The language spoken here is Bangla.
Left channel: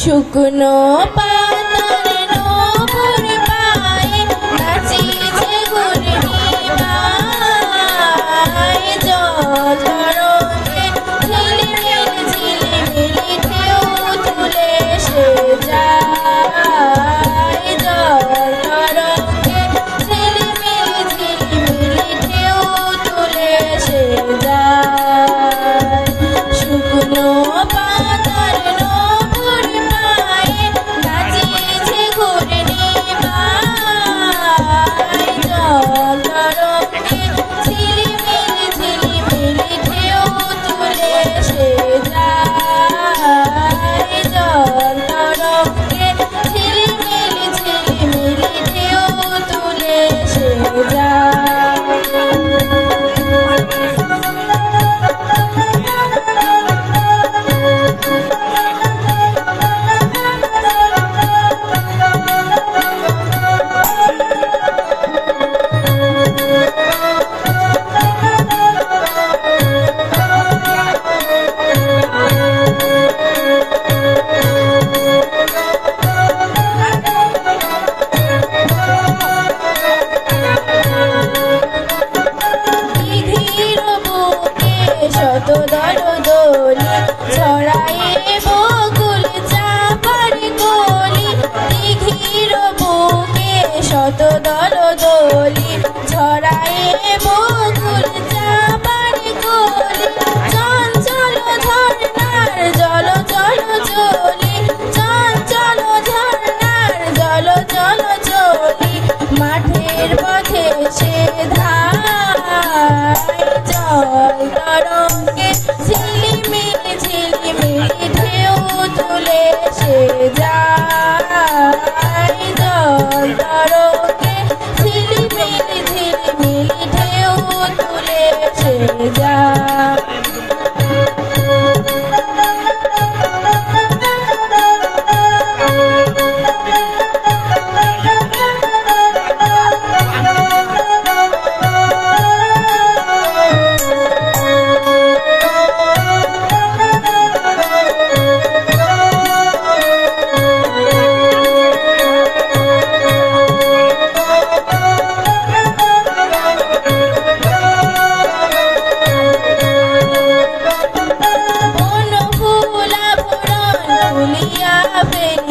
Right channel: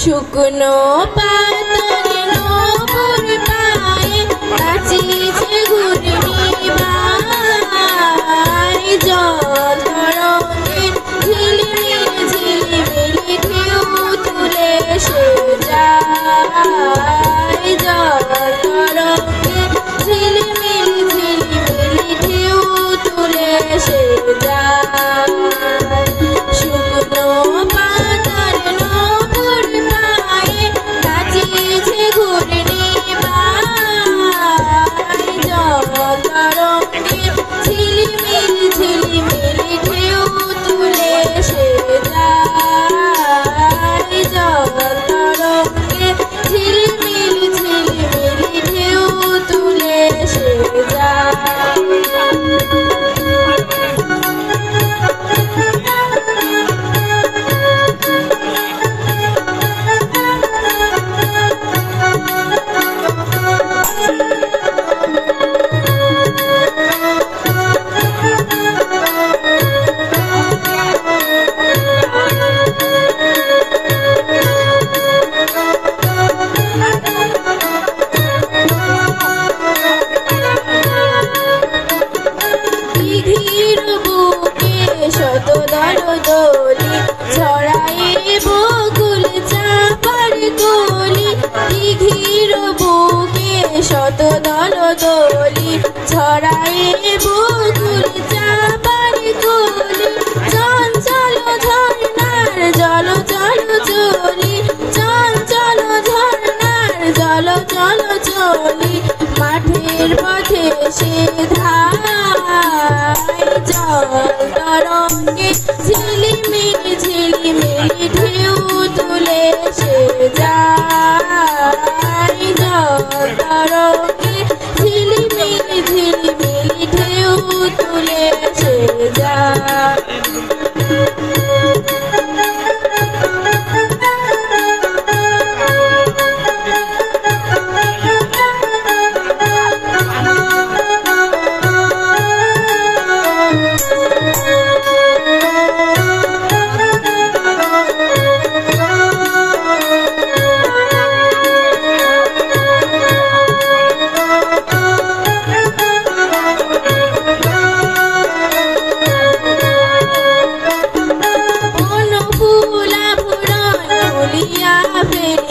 শুকনো পাতার নপুর পায়ে নাচিছে ঘূর্ণি পায় জল তরঙ্গে ঝিলিমিলি ঝিলিমিলি ঢেউ তুলে সে যায় জল তরঙ্গে ঝিলিমিলি ঝিলিমিলি ঢেউ তুলে সে যায় শুকনো পাতার নপুর পায়ে নাচিছে ঘূর্ণি পায় জল তরঙ্গে ঝিলিমিলি ঝিলিমিলি ঢেউ তুলে সে যায় জল তরঙ্গে ঝিলিমিলি ঝিলিমিলি ঢেউ তুলে সে যায় শত দল দোলি ছড়ায়ে বকুল চাকার কলি দিঘির বুকে শত দল দোলি ছড়ায়ে বকুল চাকার কলি চঞ্চল ঝর্ণার জল চল চলি চঞ্চল ঝর্ণার জল চল চলি মাঠের পথে সে ধায় জল তরঙ্গে ঝিলিমিলি ঝিলিমিলি ঢেউ তুলে সে যায় জল তরঙ্গে ঝিলিমিলি ঝিলিমিলি ঢেউ তুলে সে যায় ফুলিয়া ফের